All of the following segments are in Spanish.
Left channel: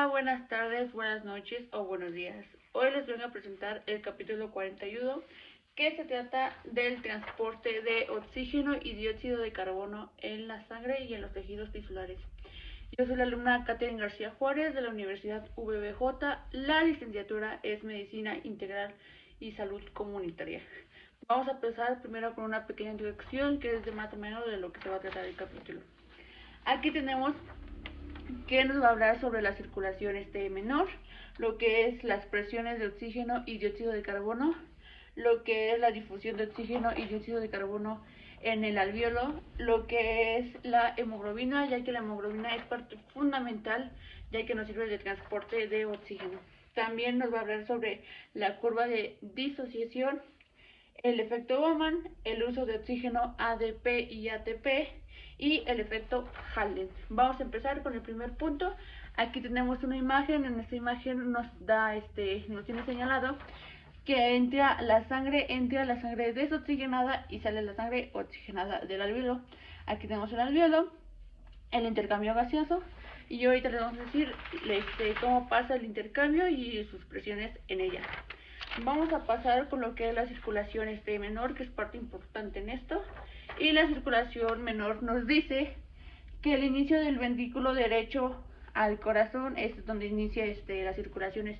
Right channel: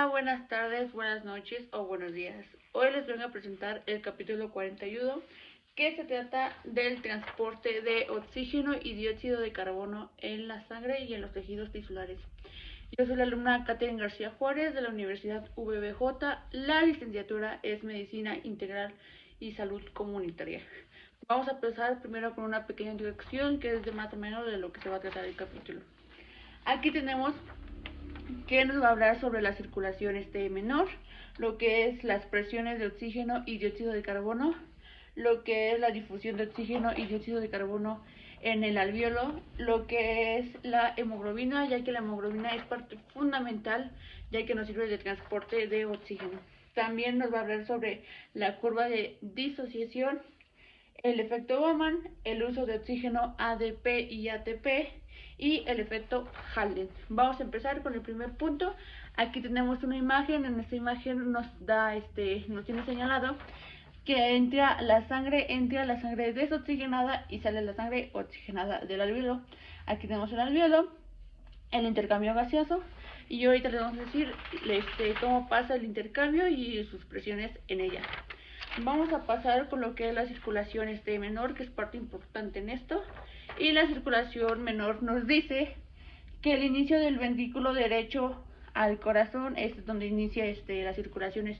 Hola, buenas tardes, buenas noches o buenos días. Hoy les vengo a presentar el capítulo 41 que se trata del transporte de oxígeno y dióxido de carbono en la sangre y en los tejidos tisulares. Yo soy la alumna Catherine García Juárez de la Universidad VBJ. La licenciatura es Medicina Integral y Salud Comunitaria. Vamos a empezar primero con una pequeña introducción que es de más o menos de lo que se va a tratar el capítulo. Aquí tenemos que nos va a hablar sobre la circulación menor, lo que es las presiones de oxígeno y dióxido de carbono, lo que es la difusión de oxígeno y dióxido de carbono en el alvéolo, lo que es la hemoglobina, ya que la hemoglobina es parte fundamental, ya que nos sirve de transporte de oxígeno. También nos va a hablar sobre la curva de disociación, el efecto Bowman, el uso de oxígeno ADP y ATP y el efecto Haldane. Vamos a empezar con el primer punto. Aquí tenemos una imagen. En esta imagen nos tiene señalado que entra la sangre desoxigenada y sale la sangre oxigenada del alvéolo. Aquí tenemos el alvéolo, el intercambio gaseoso, y ahorita les vamos a decir cómo pasa el intercambio y sus presiones en ella. Vamos a pasar con lo que es la circulación menor, que es parte importante en esto. Y la circulación menor nos dice que el inicio del ventrículo derecho al corazón es donde inicia la circulación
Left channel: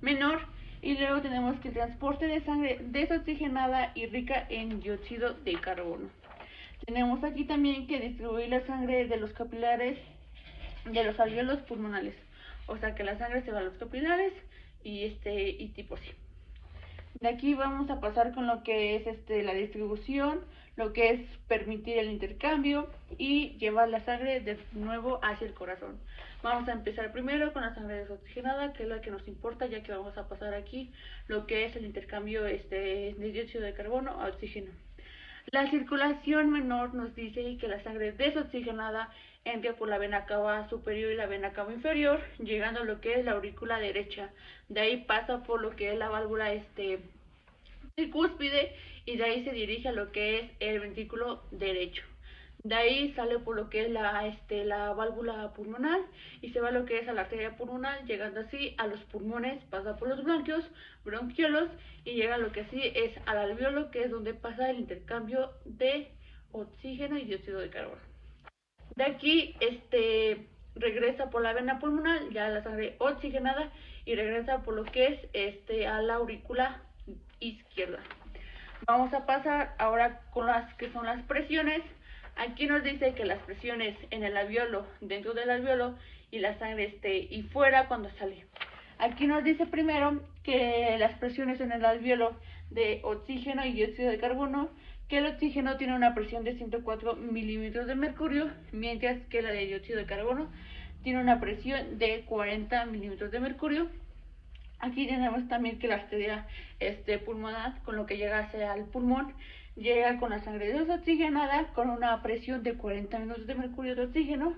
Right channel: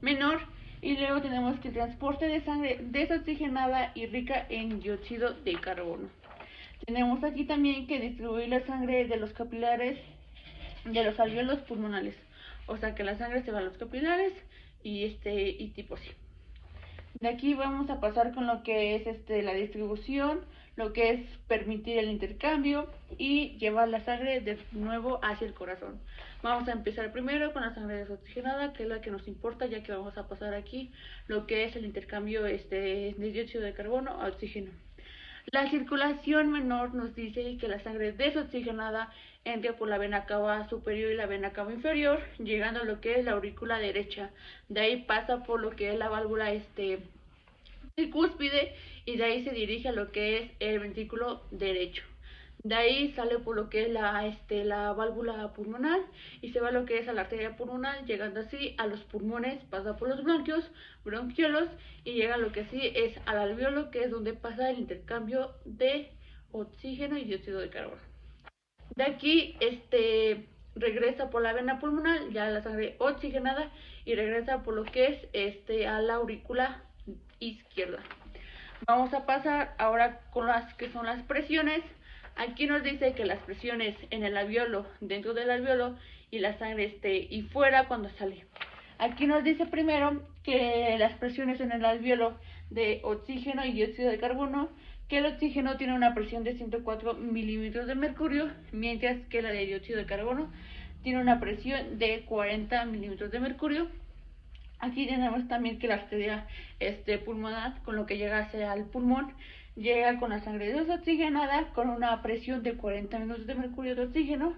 menor. Y luego tenemos que el transporte de sangre desoxigenada y rica en dióxido de carbono. Tenemos aquí también que distribuir la sangre de los capilares de los alvéolos pulmonales. O sea que la sangre se va a los capilares y tipo así. De aquí vamos a pasar con lo que es la distribución, lo que es permitir el intercambio y llevar la sangre de nuevo hacia el corazón. Vamos a empezar primero con la sangre desoxigenada, que es la que nos importa, ya que vamos a pasar aquí lo que es el intercambio de dióxido de carbono a oxígeno. La circulación menor nos dice que la sangre desoxigenada entra por la vena cava superior y la vena cava inferior, llegando a lo que es la aurícula derecha. De ahí pasa por lo que es la válvula tricúspide y de ahí se dirige a lo que es el ventrículo derecho. De ahí sale por lo que es la válvula pulmonar y se va a lo que es a la arteria pulmonar, llegando así a los pulmones, pasa por los bronquiolos y llega a lo que sí es al alvéolo, que es donde pasa el intercambio de oxígeno y dióxido de carbono. De aquí regresa por la vena pulmonar, ya la sangre oxigenada, y regresa por lo que es a la aurícula izquierda. Vamos a pasar ahora con las que son las presiones. Aquí nos dice que las presiones en el alvéolo, dentro del alvéolo, y la sangre y fuera cuando sale. Aquí nos dice primero que las presiones en el alvéolo de oxígeno y dióxido de carbono, que el oxígeno tiene una presión de 104 milímetros de mercurio, mientras que la de dióxido de carbono tiene una presión de 40 milímetros de mercurio. Aquí tenemos también que la arteria pulmonar, con lo que llega hacia el pulmón, llega con la sangre desoxigenada con una presión de 40 milímetros de mercurio de oxígeno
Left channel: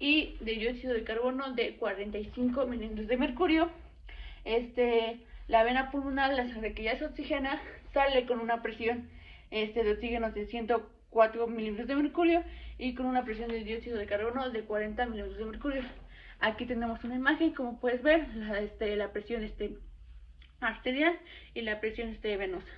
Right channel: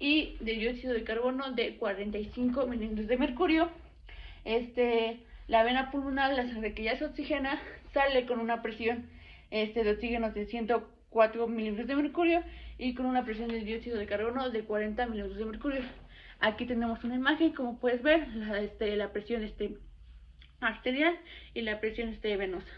y de dióxido de carbono de 45 milímetros de mercurio. La vena pulmonar, la sangre que ya se oxigena, sale con una presión de oxígeno de 104 milímetros de mercurio y con una presión de dióxido de carbono de 40 milímetros de mercurio. Aquí tenemos una imagen, como puedes ver, la presión arterial y la presión venosa.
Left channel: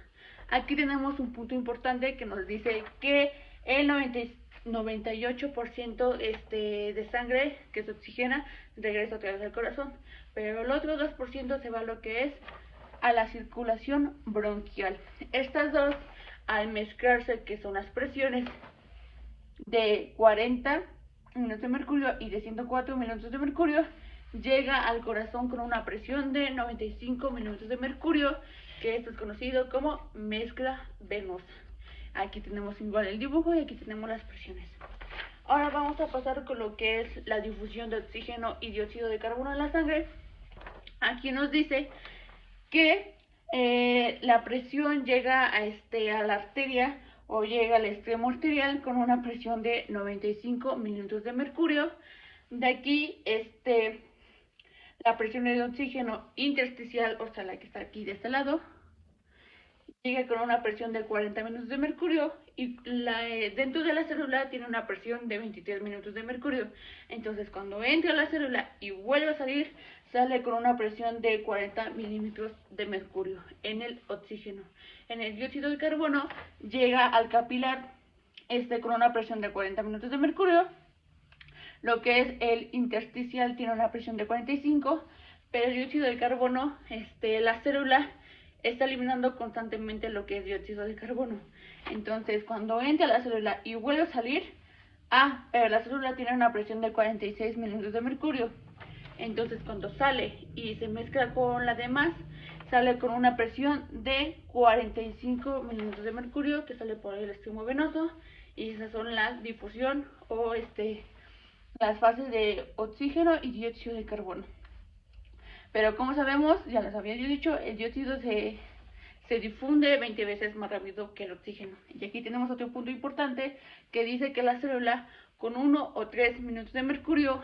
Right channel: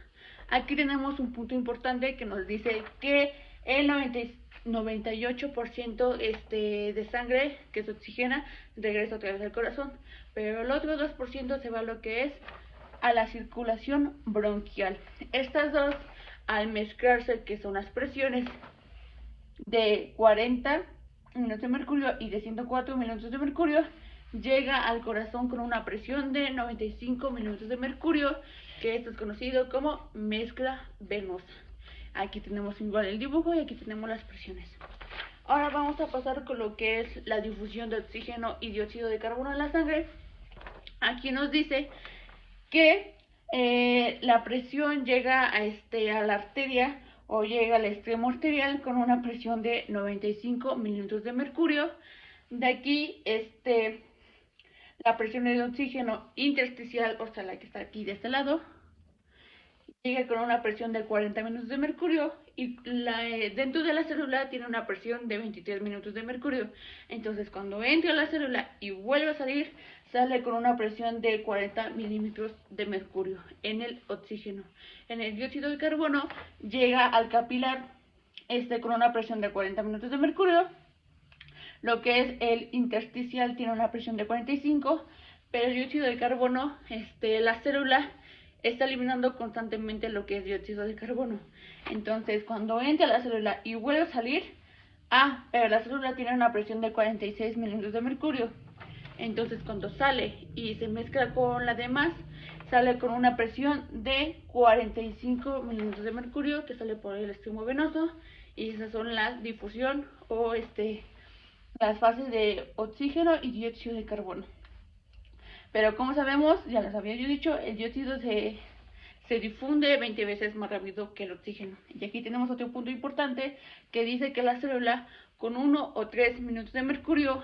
Aquí tenemos un punto importante que nos dice que el 98% de sangre que se oxigena regresa a través del corazón, pero el otro 2% se va a lo que es a la circulación bronquial. Estas dos, al mezclarse, que son las presiones de 40 milímetros de mercurio y de 104 milímetros de mercurio, llega al corazón con una presión de 95 milímetros de mercurio, que esto es conocido como mezcla venosa. Aquí tenemos igual el dibujo y aquí tenemos las presiones. Ahora vamos a pasar con lo que es la difusión de oxígeno y dióxido de carbono en la sangre. Aquí nos dice que la presión llega a la arteria o llega al extremo arterial con una presión de 95 milímetros de mercurio. De aquí la presión de oxígeno intersticial, o sea, la que está aquí de este lado, sigue con una presión de 40 minutos de mercurio y dentro de la célula tiene una presión de 23 minutos de mercurio. Entonces cuando entra a la célula y vuelve a salir, sale con una presión de 40 milímetros de mercurio en el oxígeno. En el dióxido de carbono llega al capilar con una presión de 40 minutos de mercurio. Lo que es el intersticial tiene una presión de 45, pero el dióxido de carbono, la célula está eliminando constantemente lo que es dióxido de carbono. Entonces, cuando entra a la célula y vuelve a salir, pero la célula tiene una presión de 46 milímetros de mercurio. Entonces, cuando sale y se mezcla con la demás, sale con una presión de 45 milímetros de mercurio que sale por el extremo venoso, y esas son la difusión o las fases de oxígeno y dióxido de carbono. Pero como sabemos, ya les había yo dicho, el dióxido se difunde 20 veces más rápido que el oxígeno. Y aquí tenemos otro punto importante que dice que la célula con 1 o 3 minutos de mercurio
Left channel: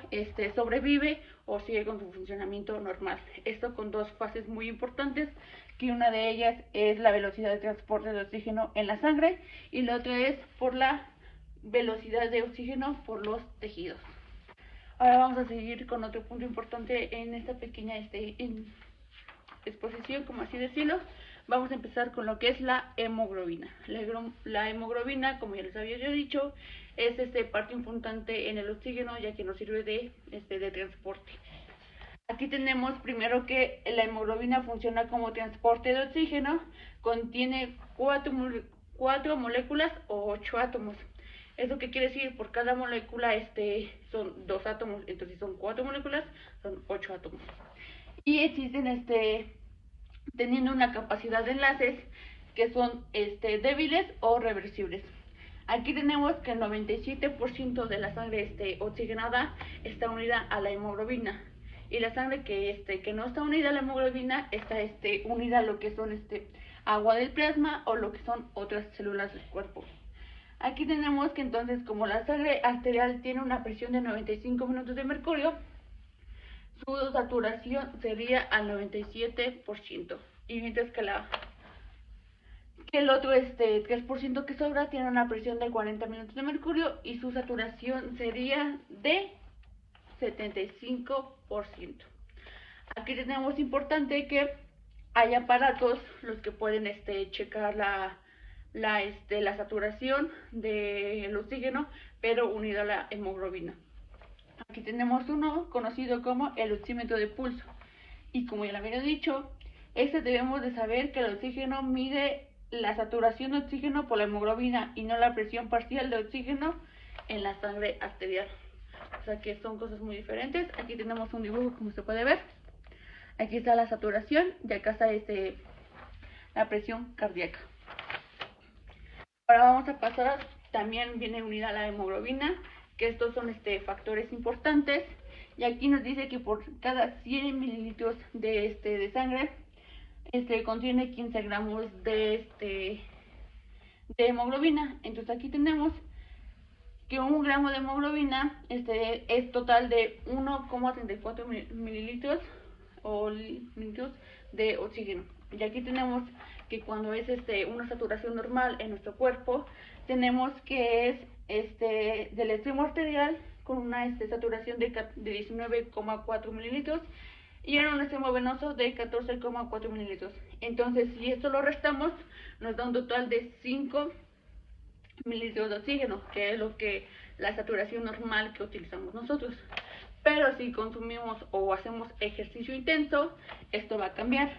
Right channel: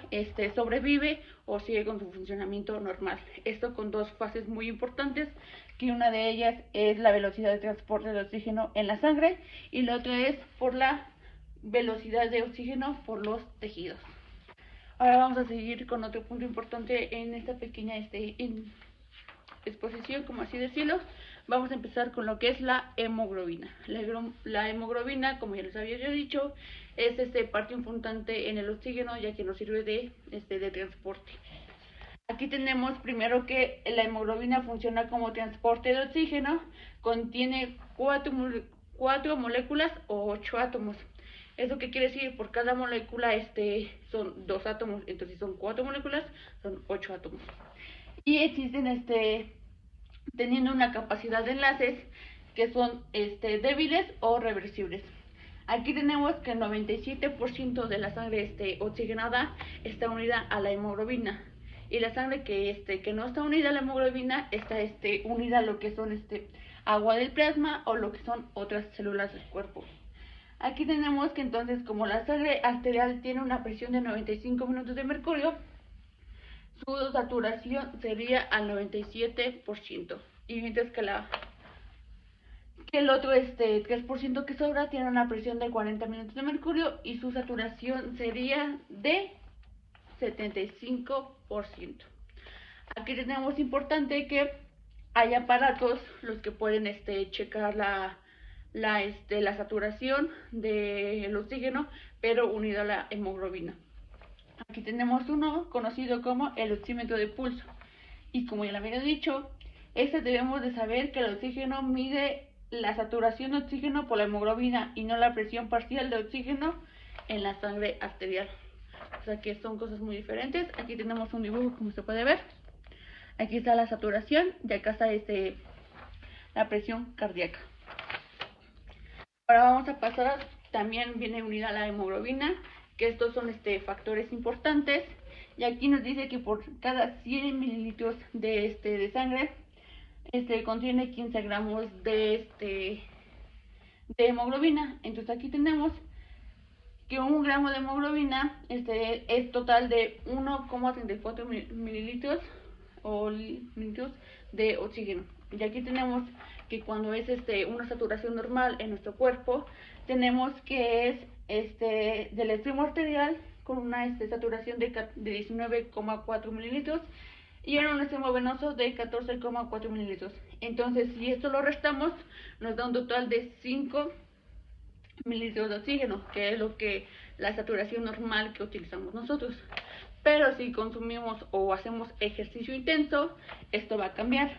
sobrevive o sigue con su funcionamiento normal. Esto con dos fases muy importantes, que una de ellas es la velocidad de transporte de oxígeno en la sangre y la otra es por la velocidad de oxígeno por los tejidos. Ahora vamos a seguir con otro punto importante en esta pequeña exposición, como así decirlo. Vamos a empezar con lo que es la hemoglobina. La hemoglobina, como ya les había yo dicho, es parte importante en el oxígeno, ya que nos sirve de transporte. Aquí tenemos primero que la hemoglobina funciona como transporte de oxígeno, contiene 4 moléculas o 8 átomos. ¿Eso qué quiere decir? Por cada molécula son 2 átomos, entonces son 4 moléculas, son 8 átomos. Y existen teniendo una capacidad de enlaces que son débiles o reversibles. Aquí tenemos que el 97% de la sangre oxigenada está unida a la hemoglobina. Y la sangre que no está unida a la hemoglobina está unida a lo que son agua del plasma o lo que son otras células del cuerpo. Aquí tenemos que entonces, como la sangre arterial tiene una presión de 95 minutos de mercurio, su saturación sería al 97%. Y mientras que el otro 3% que sobra tiene una presión de 40 minutos de mercurio y su saturación sería de 75%. Aquí tenemos importante que hay aparatos los que pueden checar la saturación del oxígeno, pero unido a la hemoglobina. Aquí tenemos uno conocido como el oxímetro de pulso. Y como ya lo había dicho, debemos de saber que el oxígeno mide la saturación de oxígeno por la hemoglobina y no la presión parcial de oxígeno en la sangre arterial. O sea que son cosas muy diferentes. Aquí tenemos un dibujo, como se puede ver. Aquí está la saturación y acá está la presión cardíaca. Ahora vamos a pasar, también viene unida a la hemoglobina, que estos son factores importantes. Y aquí nos dice que por cada 100 mililitros de sangre contiene 15 gramos de hemoglobina. Entonces aquí tenemos que 1 gramo de hemoglobina es total de 1,34 mililitros o litros de oxígeno. Y aquí tenemos que cuando es una saturación normal en nuestro cuerpo, tenemos que es del extremo arterial con una saturación de 19,4 mililitros y en un extremo venoso de 14,4 mililitros. Entonces, si esto lo restamos, nos da un total de 5 mililitros de oxígeno, que es lo que la saturación normal que utilizamos nosotros. Pero si consumimos o hacemos ejercicio intenso, esto va a cambiar.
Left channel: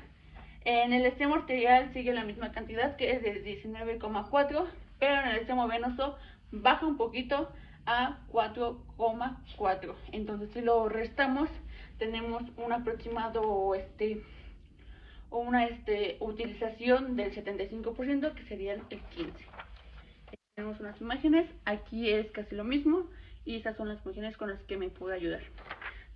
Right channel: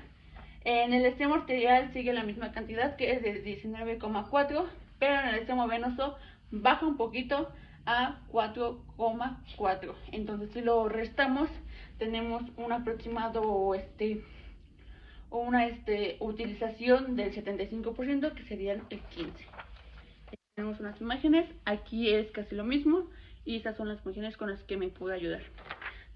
En el extremo arterial sigue la misma cantidad, que es de 19,4, pero en el extremo venoso baja un poquito a 4,4. Entonces, si lo restamos, tenemos un aproximado una utilización del 75%, que serían el 15. Tenemos unas imágenes, aquí es casi lo mismo y estas son las funciones con las que me pudo ayudar.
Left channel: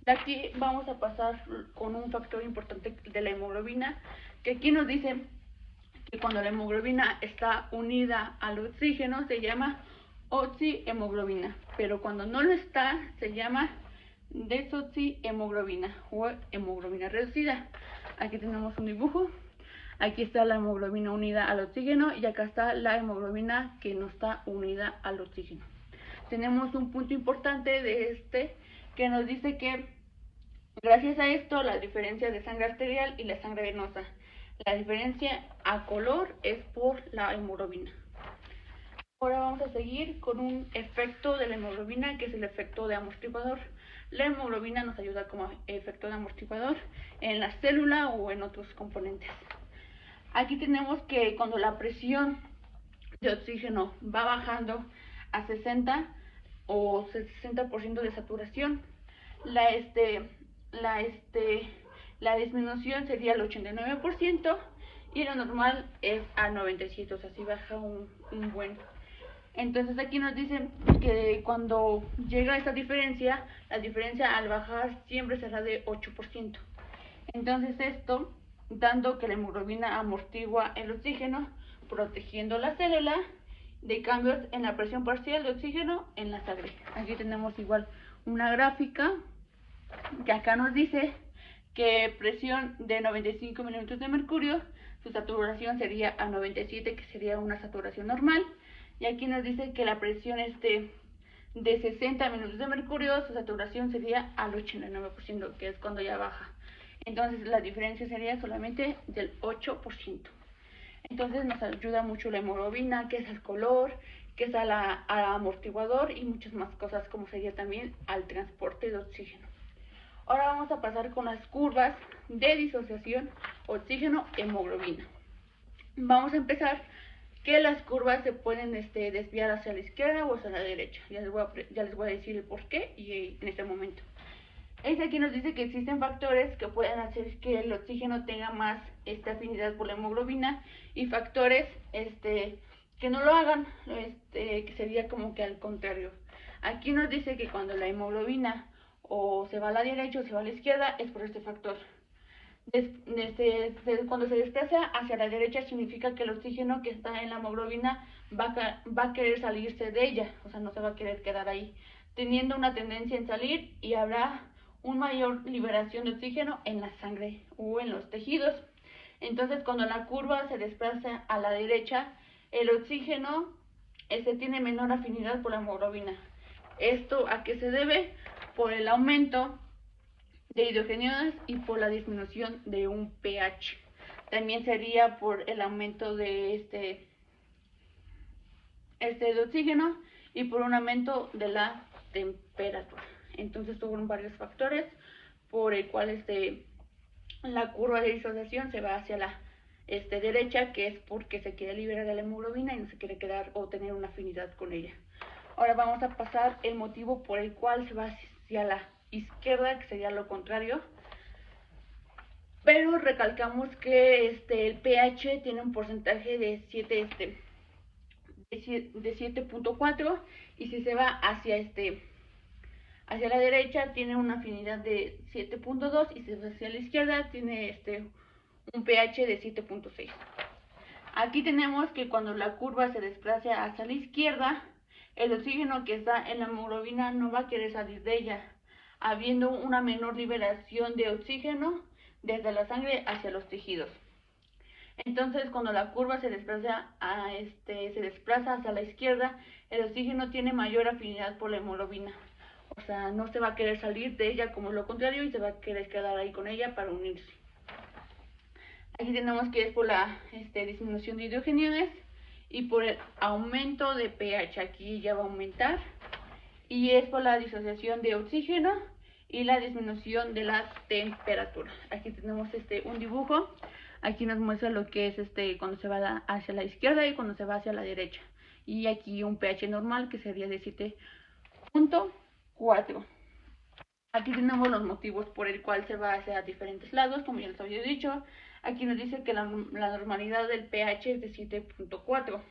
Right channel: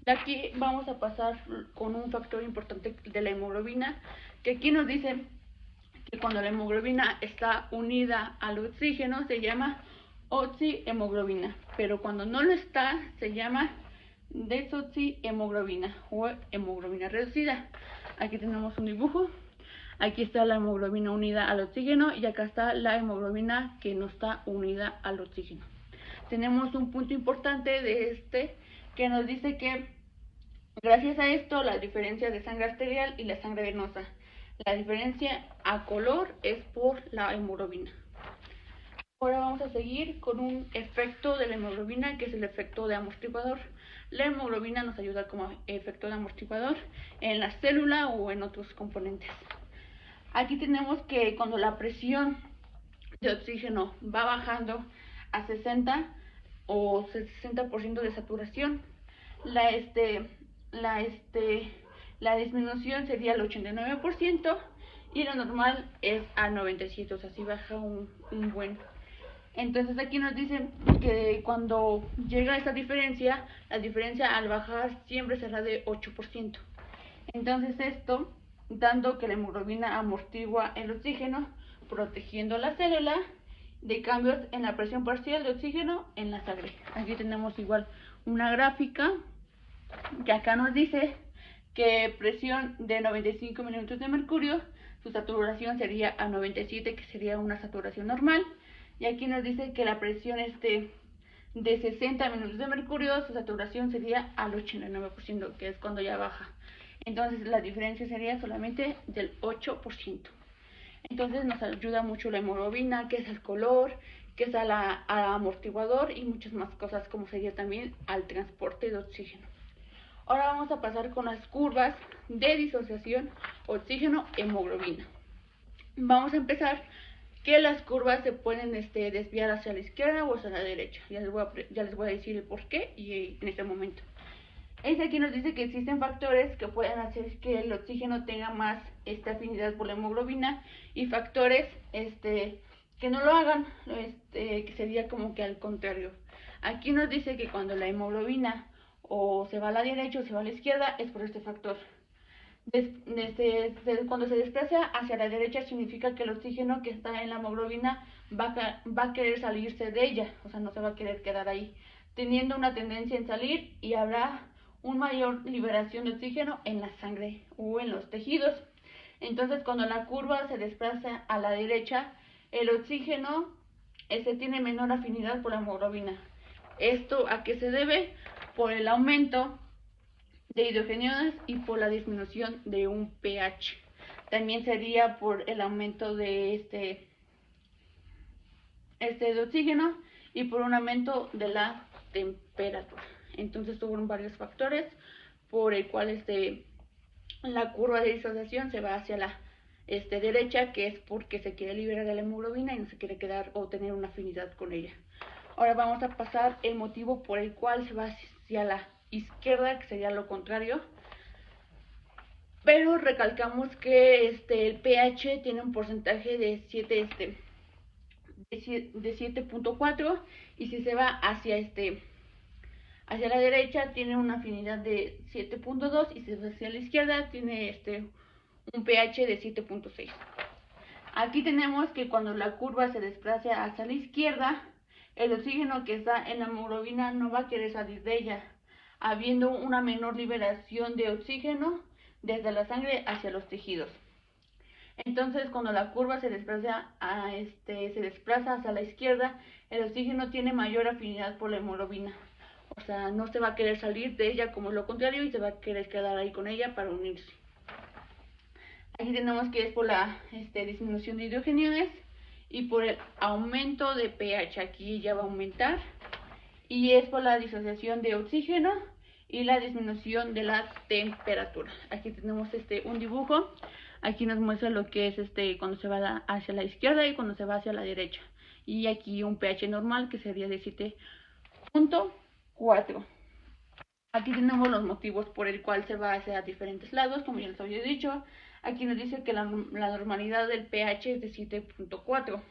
De aquí vamos a pasar con un factor importante de la hemoglobina, que aquí nos dice que cuando la hemoglobina está unida al oxígeno se llama oxihemoglobina, pero cuando no lo está se llama desoxihemoglobina o hemoglobina reducida. Aquí tenemos un dibujo. Aquí está la hemoglobina unida al oxígeno y acá está la hemoglobina que no está unida al oxígeno. Tenemos un punto importante de que nos dice que gracias a esto la diferencia de sangre arterial y la sangre venosa. La diferencia a color es por la hemoglobina. Ahora vamos a seguir con un efecto de la hemoglobina, que es el efecto de amortiguador. La hemoglobina nos ayuda como efecto de amortiguador en la célula o en otros componentes. Aquí tenemos que cuando la presión de oxígeno va bajando a 60 o 60% de saturación, la disminución sería el 89% y lo normal es al 97%, o sea, si baja un buen. Entonces aquí nos dicen que cuando llega a esta diferencia, la diferencia al bajar siempre será de 8%. Entonces esto, dando que la hemoglobina amortigua el oxígeno, protegiendo la célula de cambios en la presión parcial de oxígeno en la sangre. Aquí tenemos igual una gráfica que acá nos dice que presión de 95 minutos de mercurio, su saturación sería a 97, que sería una saturación normal. Y aquí nos dice que la presión de 60 minutos de mercurio, su saturación sería al 89%, que es cuando ya baja. Entonces la diferencia sería solamente del 8%. Entonces nos ayuda mucho la hemoglobina, que es el color, que es al amortiguador y muchas más cosas, como sería también al transporte de oxígeno. Ahora vamos a pasar con las curvas de disociación oxígeno-hemoglobina. Vamos a empezar que las curvas se pueden desviar hacia la izquierda o hacia la derecha. Ya les voy a decir el por qué y en este momento. Aquí nos dice que existen factores que pueden hacer que el oxígeno tenga más afinidad por la hemoglobina y factores que no lo hagan, que sería como que al contrario. Aquí nos dice que cuando la hemoglobina o se va a la derecha o se va a la izquierda es por este factor. Cuando se desplaza hacia la derecha significa que el oxígeno que está en la hemoglobina va a querer salirse de ella, o sea, no se va a querer quedar ahí, teniendo una tendencia en salir y habrá una mayor liberación de oxígeno en la sangre o en los tejidos. Entonces, cuando la curva se desplaza a la derecha, el oxígeno tiene menor afinidad por la hemoglobina. ¿Esto a qué se debe? Por el aumento de hidrogeniones y por la disminución de un pH. También sería por el aumento de de oxígeno y por un aumento de la temperatura. Entonces son varios factores por el cual la curva de disociación se va hacia la derecha, que es porque se quiere liberar la hemoglobina y no se quiere quedar o tener una afinidad con ella. Ahora vamos a pasar el motivo por el cual se va hacia la izquierda, que sería lo contrario. Pero recalcamos que el pH tiene un porcentaje de 7.4 y si se va hacia hacia la derecha tiene una afinidad de 7.2 y si se va hacia la izquierda tiene un pH de 7.6. Aquí tenemos que cuando la curva se desplaza hacia la izquierda, el oxígeno que está en la hemoglobina no va a querer salir de ella, habiendo una menor liberación de oxígeno desde la sangre hacia los tejidos. Entonces, cuando la curva se desplaza hacia la izquierda, el oxígeno tiene mayor afinidad por la hemoglobina. O sea, no se va a querer salir de ella como lo contrario y se va a querer quedar ahí con ella para unirse. Aquí tenemos que es por la disminución de hidrogeniones y por el aumento de pH. Aquí ya va a aumentar. Y es por la disociación de oxígeno y la disminución de la temperatura. Aquí tenemos un dibujo. Aquí nos muestra lo que es cuando se va hacia la izquierda y cuando se va hacia la derecha. Y aquí un pH normal que sería de 7.4. Aquí tenemos los motivos por el cual se va hacia diferentes lados, como ya les había dicho. Aquí nos dice que la normalidad del pH es de 7.4.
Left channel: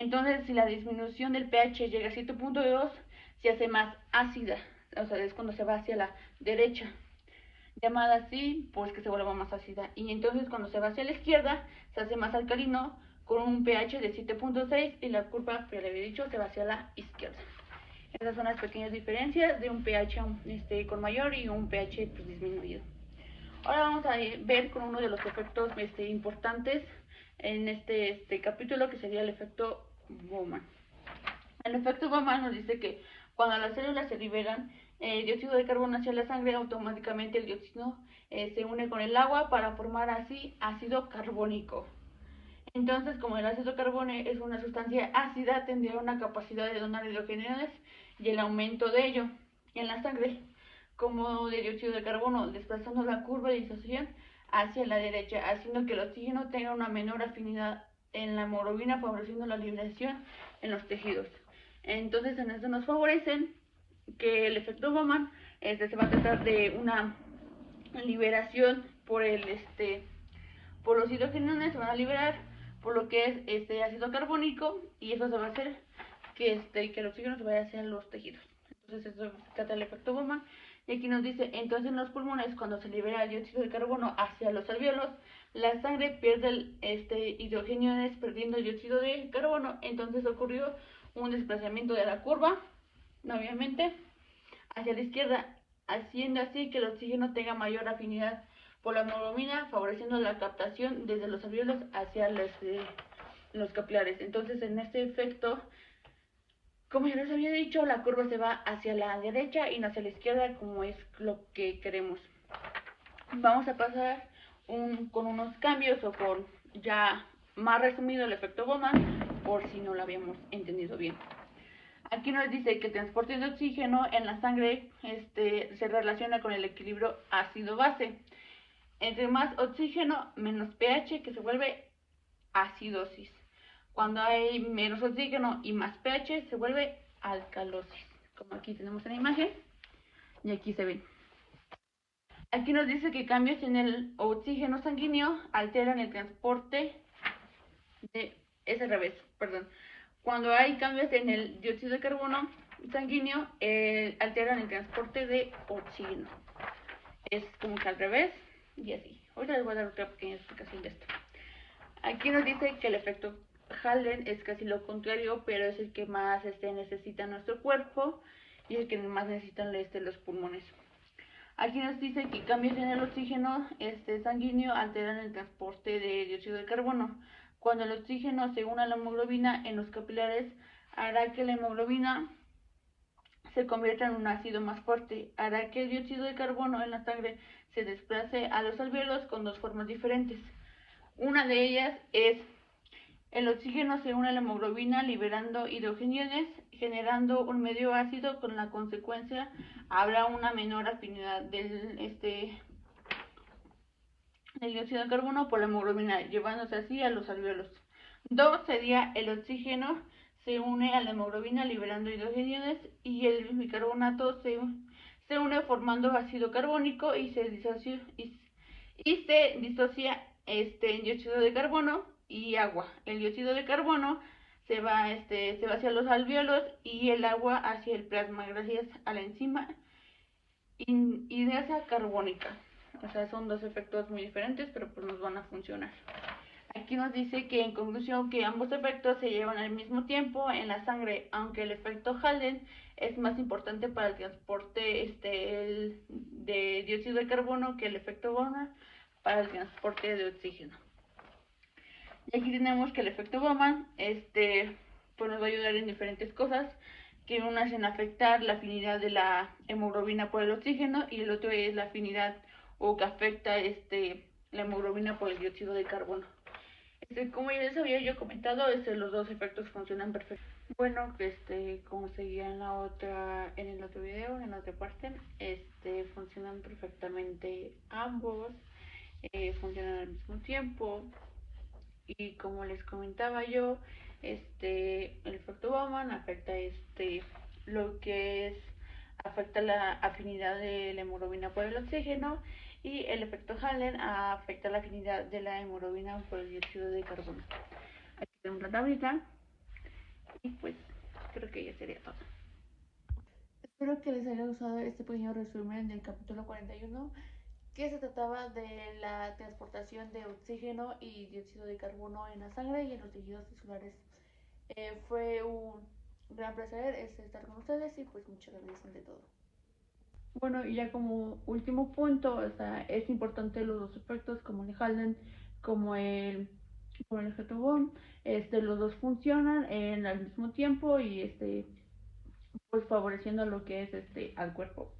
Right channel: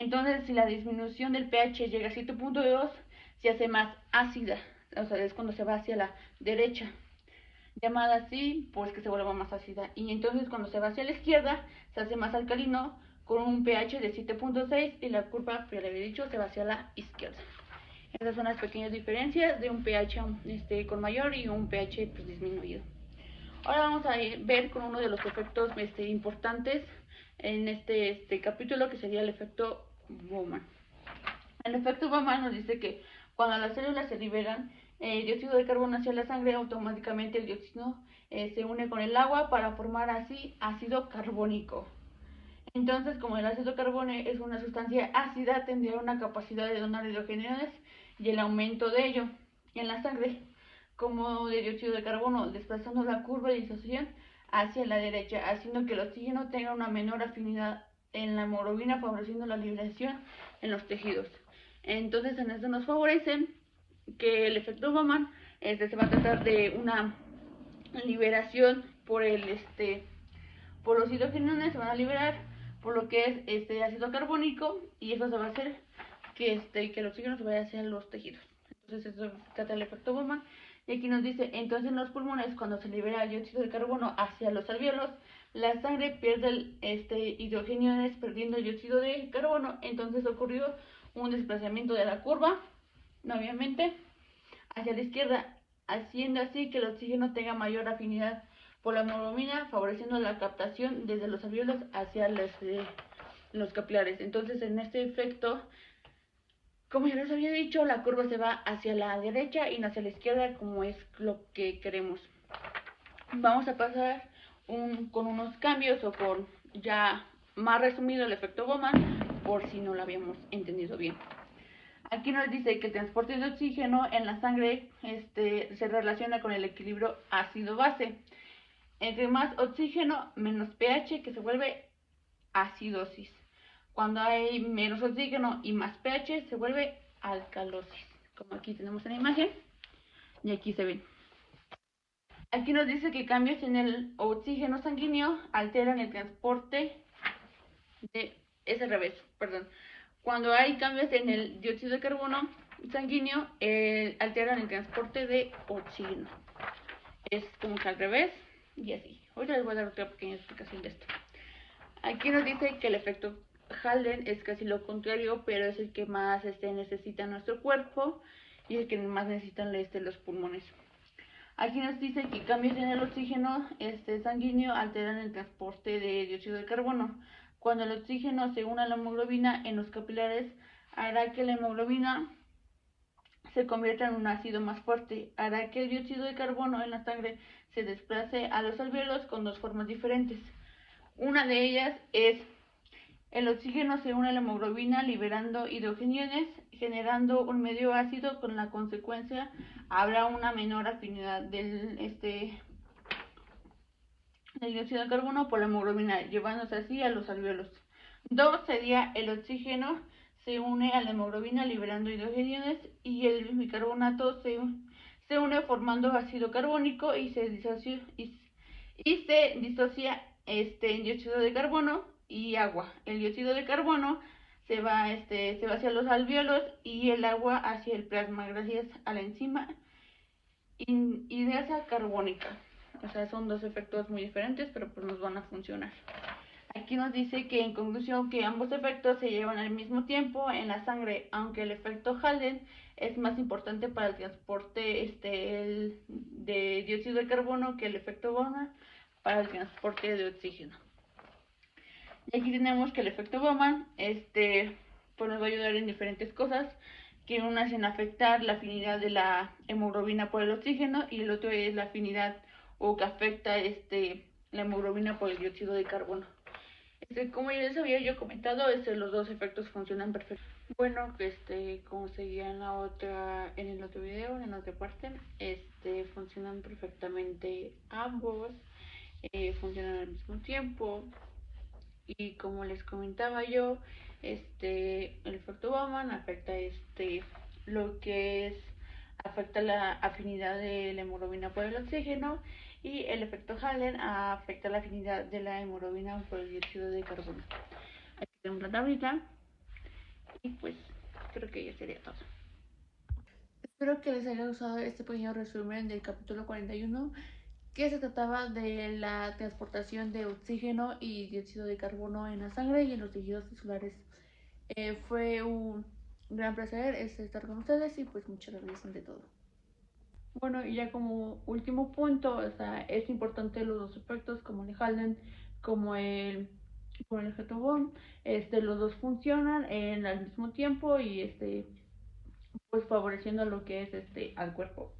Entonces, si la disminución del pH llega a 7.2, se hace más ácida, o sea, es cuando se va hacia la derecha, llamada así, pues que se vuelva más ácida. Y entonces, cuando se va hacia la izquierda, se hace más alcalino, con un pH de 7.6 y la curva, que le había dicho, se va hacia la izquierda. Esas son las pequeñas diferencias de un pH con mayor y un pH pues, disminuido. Ahora vamos a ver con uno de los efectos importantes en este capítulo, que sería el efecto Bowman. El efecto Bowman nos dice que cuando las células se liberan dióxido de carbono hacia la sangre, automáticamente el dióxido se une con el agua para formar así ácido carbónico. Entonces, como el ácido carbónico es una sustancia ácida, tendría una capacidad de donar hidrogenados y el aumento de ello en la sangre, como de dióxido de carbono, desplazando la curva de disociación hacia la derecha, haciendo que el oxígeno tenga una menor afinidad en la hemoglobina, favoreciendo la liberación en los tejidos. Entonces, en eso nos favorecen que el efecto Bowman se va a tratar de una liberación por los hidrogenados, se van a liberar por lo que es este ácido carbónico, y eso se va a hacer que el oxígeno se vaya hacia los tejidos. Entonces eso trata el efecto Bowman. Y aquí nos dice, entonces en los pulmones, cuando se libera el dióxido de carbono hacia los alvéolos, la sangre pierde hidrogenados perdiendo el dióxido de carbono. Entonces ocurrió un desplazamiento de la curva, obviamente, hacia la izquierda, haciendo así que el oxígeno tenga mayor afinidad por la hemoglobina, favoreciendo la captación desde los alvéolos hacia los capilares. Entonces, en este efecto, como ya les había dicho, la curva se va hacia la derecha y no hacia la izquierda, como es lo que queremos. Vamos a pasar con unos cambios, o con ya más resumido el efecto Bowman, por si no lo habíamos entendido bien. Aquí nos dice que el transporte de oxígeno en la sangre se relaciona con el equilibrio ácido-base. Entre más oxígeno, menos pH, que se vuelve acidosis. Cuando hay menos oxígeno y más pH, se vuelve alcalosis, como aquí tenemos en la imagen y aquí se ve. Aquí nos dice que cambios en el oxígeno sanguíneo alteran el transporte es al revés, perdón. Cuando hay cambios en el dióxido de carbono sanguíneo, alteran el transporte de oxígeno. Es como que al revés y así. Ahorita les voy a dar otra pequeña explicación de esto. Aquí nos dice que el efecto Halden es casi lo contrario, pero es el que más necesita nuestro cuerpo y el que más necesitan los pulmones. Aquí nos dice que cambios en el oxígeno sanguíneo alteran el transporte de dióxido de carbono. Cuando el oxígeno se une a la hemoglobina en los capilares, hará que la hemoglobina se convierta en un ácido más fuerte, hará que el dióxido de carbono en la sangre se desplace a los alvéolos con dos formas diferentes. Una de ellas es el oxígeno se une a la hemoglobina liberando hidrogenados, generando un medio ácido. Con la consecuencia habrá una menor afinidad del dióxido de carbono por la hemoglobina, llevándose así a los alvéolos. Dos sería el oxígeno se une a la hemoglobina liberando hidrogenados y el bicarbonato se une formando ácido carbónico y se disocia en dióxido de carbono y agua. El dióxido de carbono se va hacia los alvéolos y el agua hacia el plasma gracias a la enzima hidrasa carbónica. O sea, son dos efectos muy diferentes, pero pues nos van a funcionar. Aquí nos dice que en conclusión que ambos efectos se llevan al mismo tiempo en la sangre, aunque el efecto Halden es más importante para el transporte de dióxido de carbono que el efecto Bowman para el transporte de oxígeno. Y aquí tenemos que el efecto Bowman pues nos va a ayudar en diferentes cosas, que una es en afectar la afinidad de la hemoglobina por el oxígeno y el otro es la afinidad o que afecta la hemoglobina por el dióxido de carbono. Como ya les había yo comentado, los dos efectos funcionan perfectamente. Bueno, como seguía en el otro video, en la otra parte, funcionan perfectamente ambos, funcionan al mismo tiempo. Y como les comentaba yo, el efecto Bowman afecta lo que es afecta la afinidad de la hemoglobina por el oxígeno, y el efecto Halden afecta la afinidad de la hemoglobina por el dióxido de carbono. Aquí tenemos la tablita y pues creo que ya sería todo. Espero que les haya gustado este pequeño resumen del capítulo 41, que se trataba de la transportación de oxígeno y dióxido de carbono en la sangre y en los tejidos tisulares. Fue un gran placer estar con ustedes y pues muchas gracias ante todo. Bueno, y ya como último punto, o sea, es importante los dos efectos como el Halden, como el, como el Hetobon, los dos funcionan al mismo tiempo y pues favoreciendo lo que es al cuerpo.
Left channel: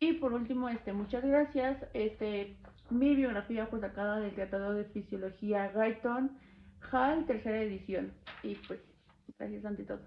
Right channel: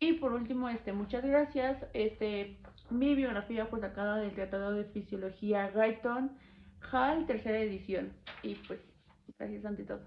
Y por último, muchas gracias. Mi biografía fue sacada del Tratado de Fisiología Guyton Hall, tercera edición. Y pues, gracias ante todo.